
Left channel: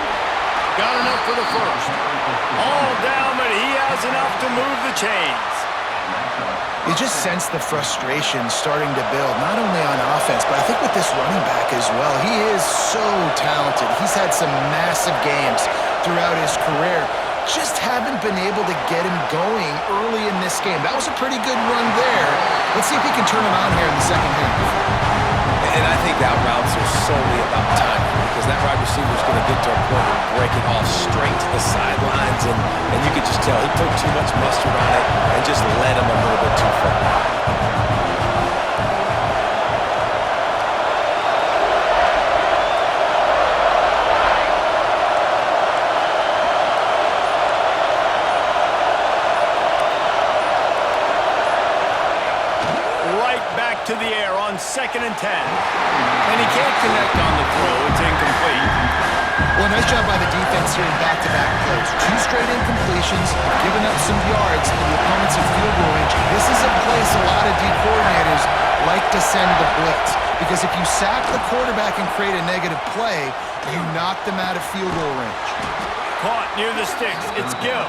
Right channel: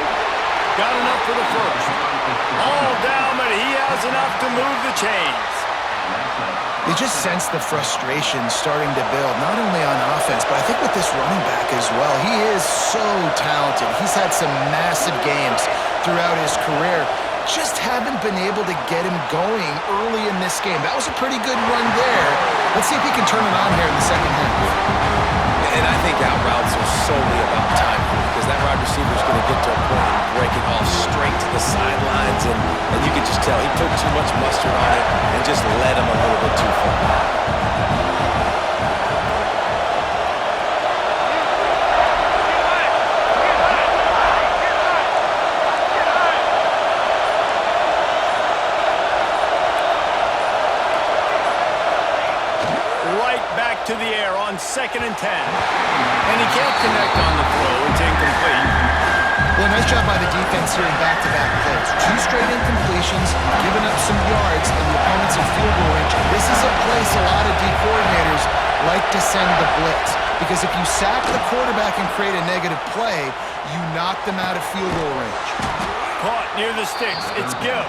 Got enough for the first. All down, but he has enough to move the chains. You just sense the frustration starting to build, not only on offense, but I think with this running back as well. He is so talented. He's had some massive games throughout his career. Just haven't been able to get him going early in this game. That was a pretty good run there. Let's see if he can turn it on here in the second half. And I think out routes are solely about timing because that wide receiver is going to get to a point and break it off straight to the sidelines, and you could just tell he put too much mustard on it and just led him a little bit too far. Back to the air on 2nd and 10. And he can't connect on the throw. It's incomplete. Well, nice job by the defense here in back-to-back plays. 2 straight incompletions, giving up some yards, and the opponent's in field goal range. This is a place a lot of D coordinators like to send the blitz, because if you sack the quarterback and create a negative play, you knock them out of field goal range. Caught near the sticks. It's Gill.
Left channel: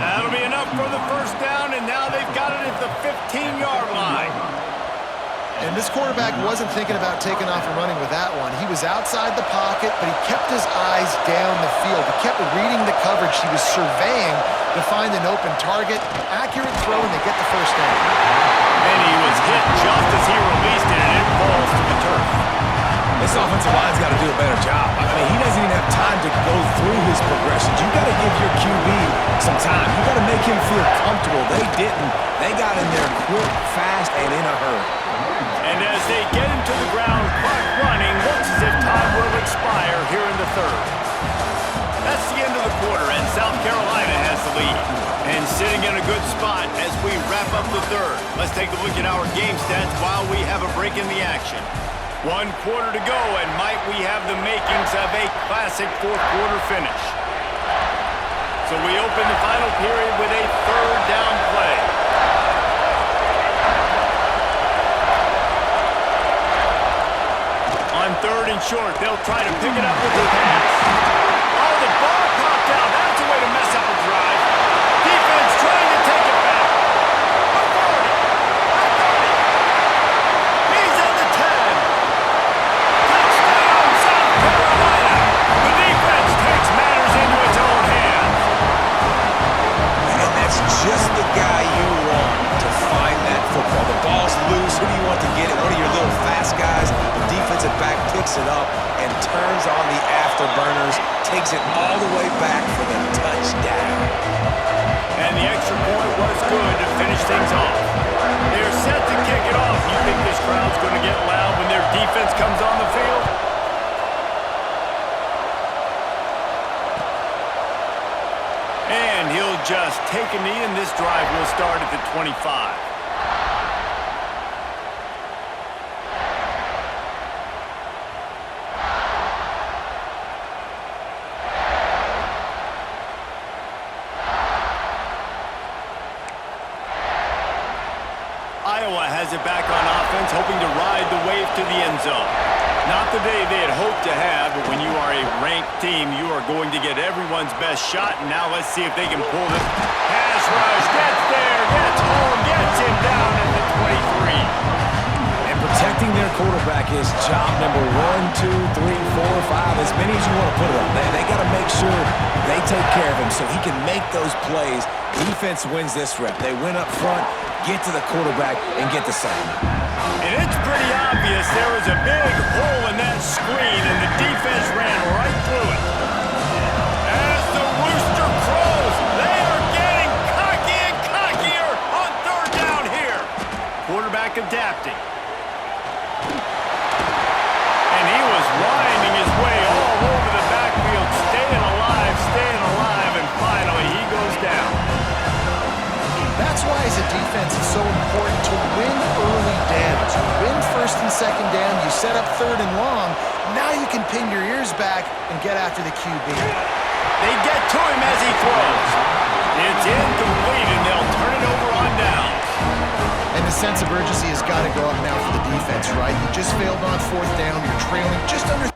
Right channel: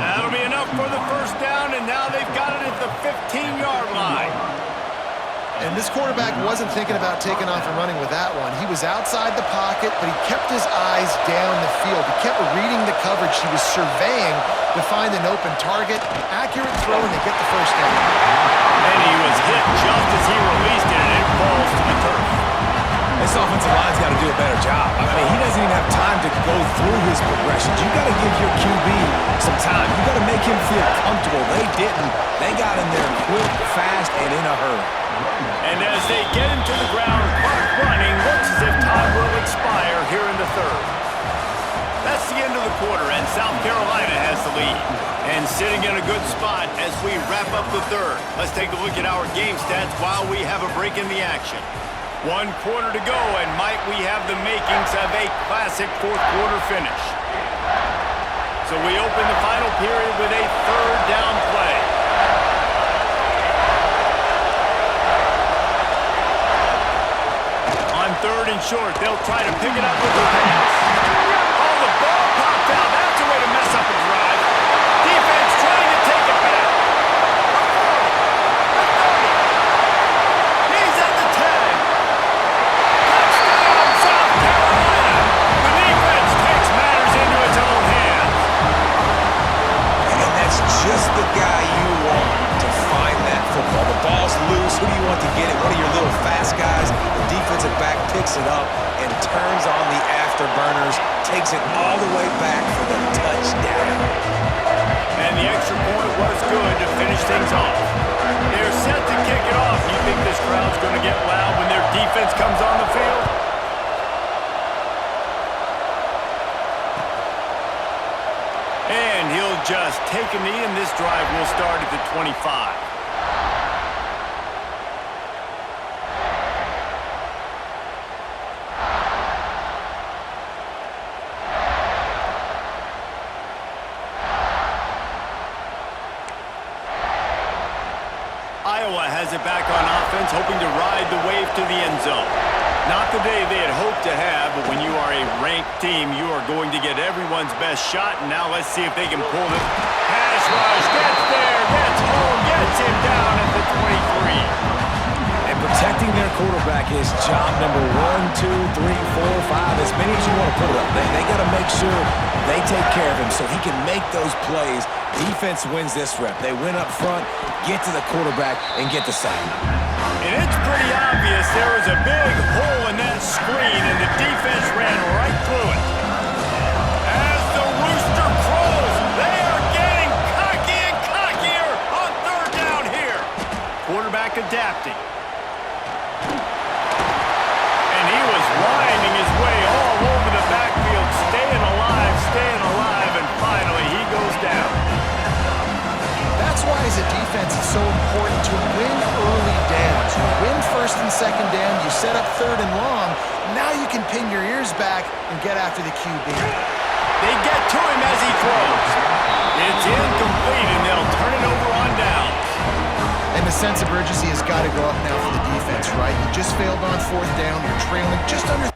That'll be enough for the first down, and now they've got it at the 15-yard line. And this quarterback wasn't thinking about taking off and running with that one. He was outside the pocket, but he kept his eyes down the field. He kept reading the coverage. He was surveying to find an open target. Accurate throw, and they get the first down. And he was hit just as he released it, and it falls to the turf. This offensive line's got to do a better job. I mean, he doesn't even have time to go through his progressions. You got to give your QB some time. You got to make him feel comfortable. They didn't. They got in there quick, fast, and in a hurry. And as they get him to the ground, clock running, looks as if time will expire here in the third. That's the end of the quarter, and South Carolina has the lead. And sitting in a good spot as we wrap up the third. Let's take a look at our game stats while we have a break in the action. 1 quarter to go, and might we have the makings of a classic fourth quarter finish. So we open the final period with a third down play. On 3rd and short, they'll try to pick it up with the pass. Oh, the ball popped out. That's a way to mess up a drive. Defense trying to take it back. The 40, the 30. He's at the 10. Touchdown, South Carolina. The defense takes matters into its own hands. And that's just the guy you want to find that football. The ball's loose. Who do you want to get it? One of your little fast guys. The defensive back picks it up and turns on the afterburners, takes it all the way back for the touchdown. And the extra point was good to finish things off. They're set to kick it off. You think this crowd's going to get loud when their defense comes on the field? And he'll just take a knee, and this drive will start at the 25. has it back on offense, hoping to ride the wave to the end zone. Not the day they had hoped to have, but when you are a ranked team, you are going to get everyone's best shot. And now let's see if they can pull this. Pass rush, gets there, gets home, gets him down at the 23. And protecting their quarterback is job number 1, 2, 3, 4, 5, as many as you want to put it up. They got to make sure they take care of him so he can make those plays. Defense wins this rep. They win up front, get to the quarterback, and get the sack. And it's pretty obvious there was a big hole in that screen, and the defense ran right through it. As the rooster crows, they are getting cocky and cockier on third down here. Quarterback adapting. And he was winding his way all over the backfield, staying alive, and finally he goes down. That's why, as a defense, it's so important to win early downs. You win first and second down, you set up third and long. Now you can pin your ears back and get after the QB. They get to him as he throws. It's incomplete, and they'll turn it over on downs. And the sense of urgency has got to go up now for the defense, right? You just failed on fourth down. You're trailing just under